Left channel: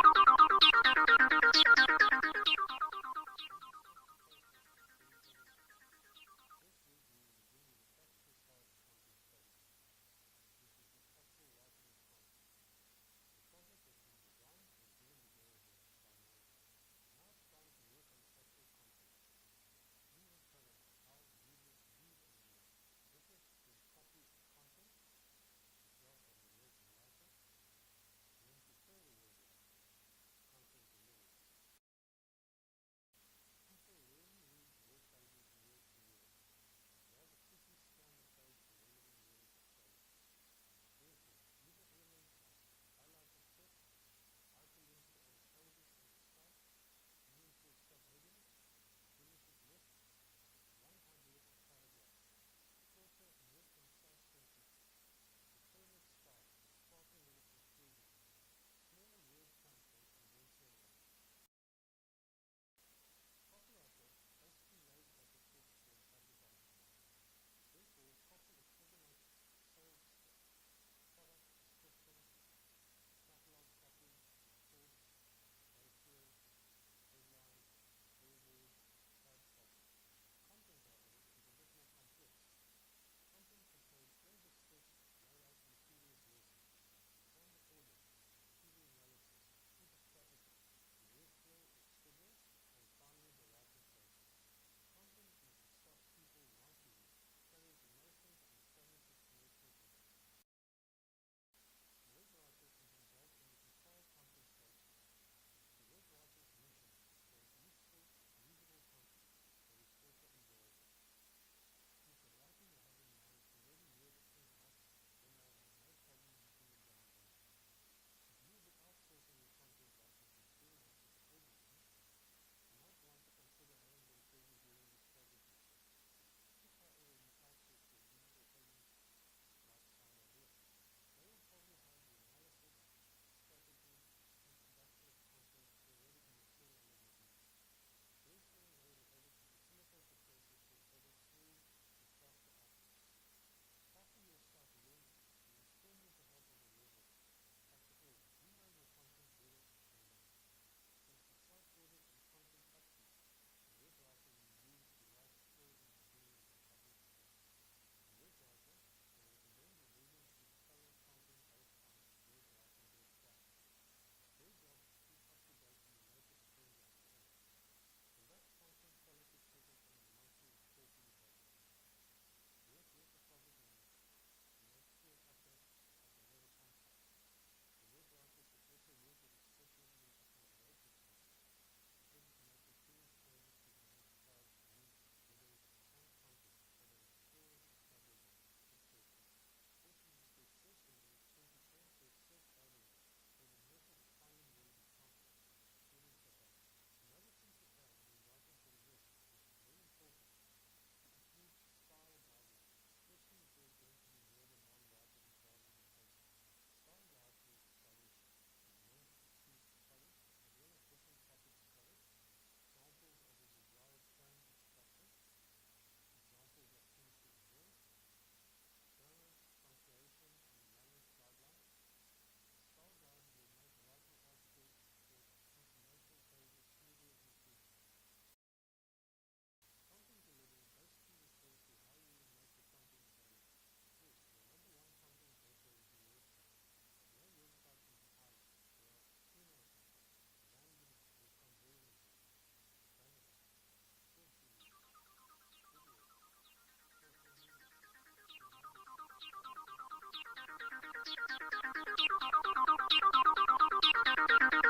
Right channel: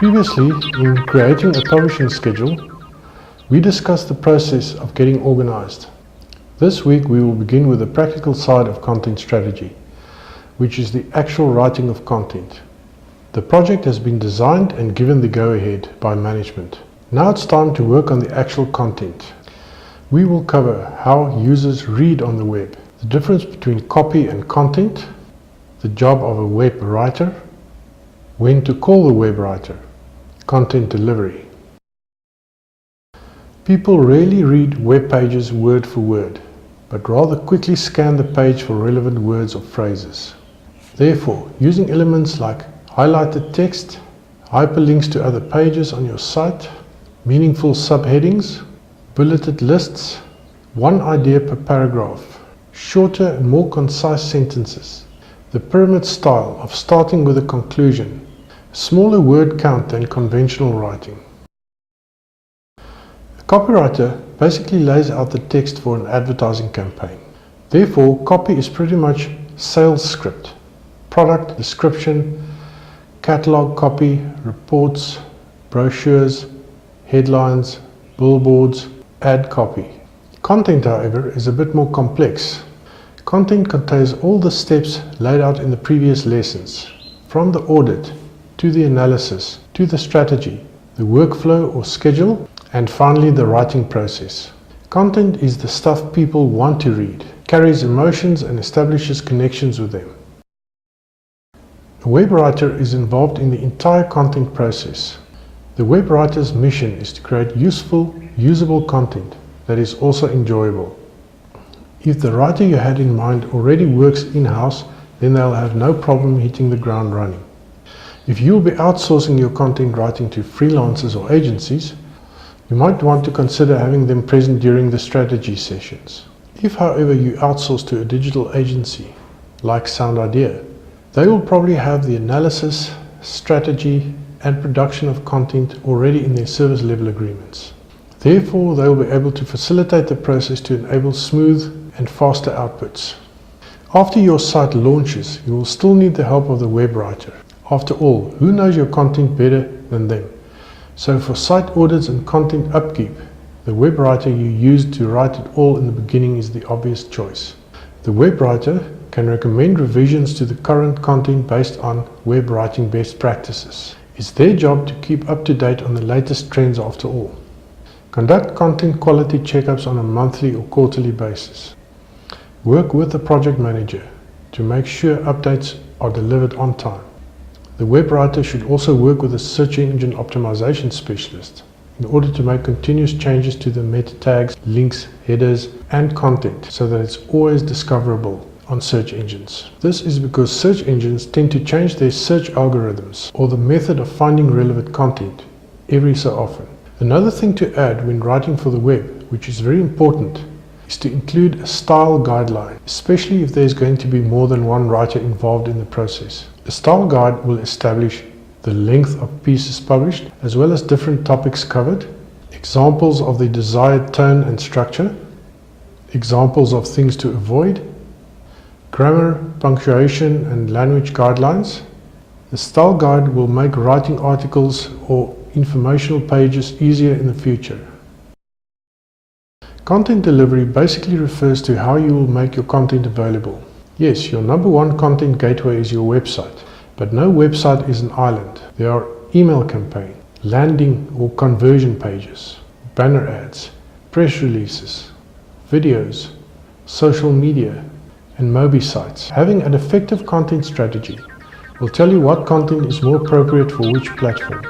Previously, in creating a publishing schedule, we discussed the process of getting organized. This week we will begin with the practical side of content strategy, which is the actual writing of content. The project has been designed and given the go-ahead by management. Now it's time to work on the actual content. We will cover how users read on the web, the difference between copy and content, the job of a web writer, when to call the web writer, content delivery. People rarely read web pages word for word, but rather quickly scan the page for relevant words or phrases. Therefore, using elements like highlighted text, hyperlinks to other pages on your site, meaningful subheadings, bulleted lists, one idea per paragraph, shorter and more concise sentences, the pyramid style of starting with a conclusion, smaller word count than conventional writing. A copywriter basically lays out the text for an advertising campaign. Therefore, copy is pretty much sales script, product description, catalog copy, reports, brochures, headlines, billboards, ad copy. Content, however, is a bit more complex. Content contains all the steps laid out in the previous lessons, from the audit, to the analysis, to the strategy, the workflow or schedule, and finally the writing process. Content is the stuff people want to read, carries emotions and establishes connections with them. A web writer is involved in the entire content process. The web writer's mission is to create useful, usable content that is also enjoyable. If the writer you had in mind already works in-house, then they'll have no problem hitting the ground running. If you'll be outsourcing your content writing to freelancers or agencies, you might want to consider having them present during the strategy sessions. If, however, you outsource to a digital agency like Sound Idea, they will probably have the analysis, strategy, and production of content already in their service level agreements. Therefore, they will be able to facilitate the process to enable smooth and faster outputs. After your site launches, you will still need the help of the web writer. After all, who knows your content better than them? So for site audits and content upkeep, the web writer you used to write it all in the beginning is the obvious choice. The web writer can recommend revisions to the current content based on web writing best practices. It's their job to keep up to date on the latest trends after all. Conduct content quality checkups on a monthly or quarterly basis. Work with the project manager to make sure updates are delivered on time. The web writer should also work with a search engine optimization specialist in order to make continuous changes to the meta tags, links, headers, and content so that it's always discoverable on search engines. This is because search engines tend to change their search algorithms or the method of finding relevant content every so often. Another thing to add when writing for the web, which is very important, is to include a style guideline, especially if there's going to be more than one writer involved in the process. A style guide will establish the length of pieces published, as well as different topics covered, examples of the desired tone and structure, examples of things to avoid, grammar, punctuation, and language guidelines. The style guide will make writing articles or informational pages easier in the future. Content delivery basically refers to how you will make your content available. Yes, your number one content gateway is your website, but no website is an island. There are email campaign, landing or conversion pages, banner ads, press releases, videos, social media, and Mobi sites. Having an effective content strategy will tell you what content is more appropriate for which platform.